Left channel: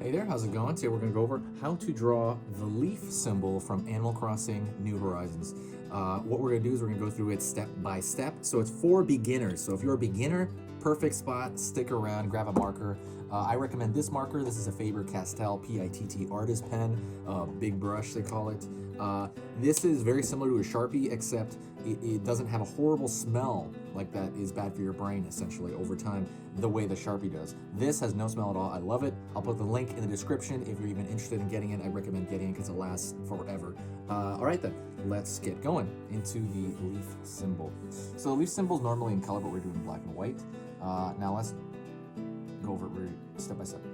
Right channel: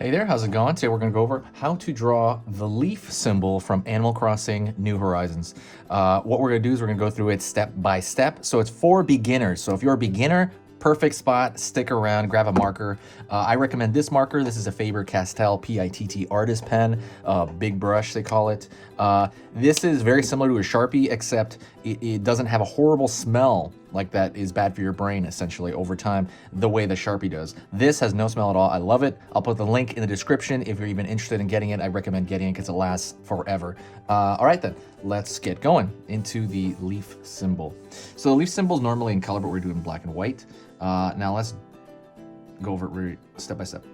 Hey there, how's it going? Today we're going to go over how to draw the leaf symbol from Animal Crossing New Horizons. What we're going to do is we're going to go through it step by step. So it's for beginners. So if you're a beginner, perfect spot, stick around, grab a marker. I recommend this marker. This is a Faber-Castell PITT artist pen, big brush they call it. This is very similar to a Sharpie, except it doesn't have a horrible smell like that is bad for your brain essentially over time, the way the Sharpie does. This has no smell at all. I love it. I'll put the link in the description if you're even interested in getting it. I recommend getting it because it lasts forever. All right then, let's get going into the leaf symbol. So the leaf symbol is normally in color, but we're doing black and white. Now let's go over it step by step.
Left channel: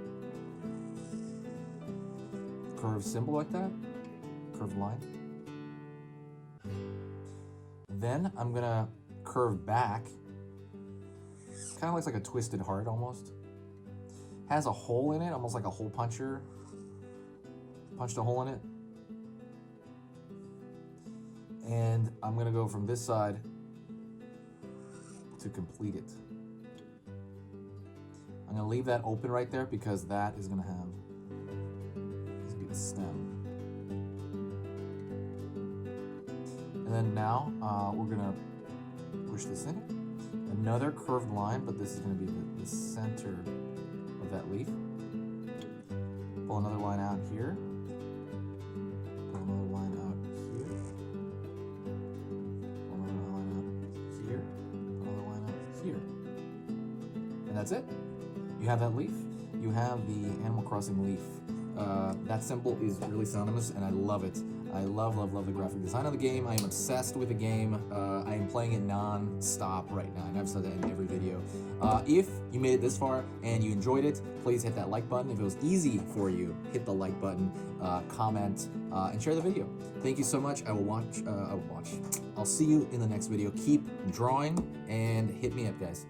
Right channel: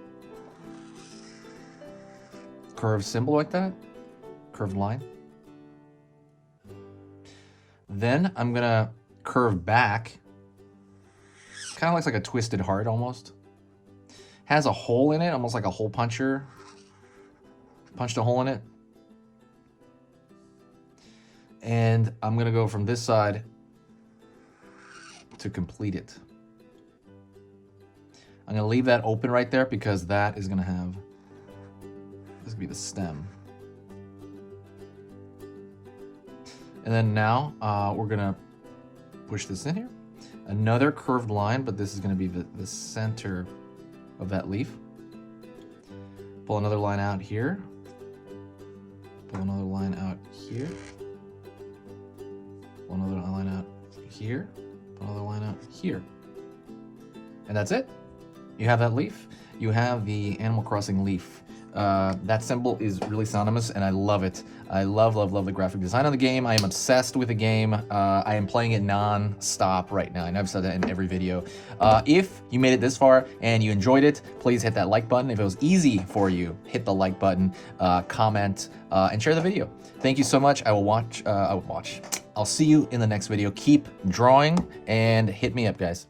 Curved symbol like that, curved line. Then I'm gonna curve back. Kind of looks like a twisted heart almost. Has a hole in it, almost like a hole puncher. Punched a hole in it. And I'm gonna go from this side to complete it. I'm gonna leave that open right there because that is gonna have, this will be the stem. And then now we're gonna push this in here. Another curved line, but this is gonna be the center of that leaf. Pull another line out here. Pull another line out here. Pull another line out here. Pull another line out here. And that's it. You have that leaf. You have the Animal Crossing leaf. That symbol is really synonymous, and I love it. I love the graphic design of the game. I am obsessed with the game. I am playing it non-stop right now. I know I've said that in every video. If you made it this far and you enjoyed it, please hit that like button. If it was easy for you, hit the like button, comment, and share the video. Thank you so much. I'll see you in the next video. Keep drawing and hit me up, guys.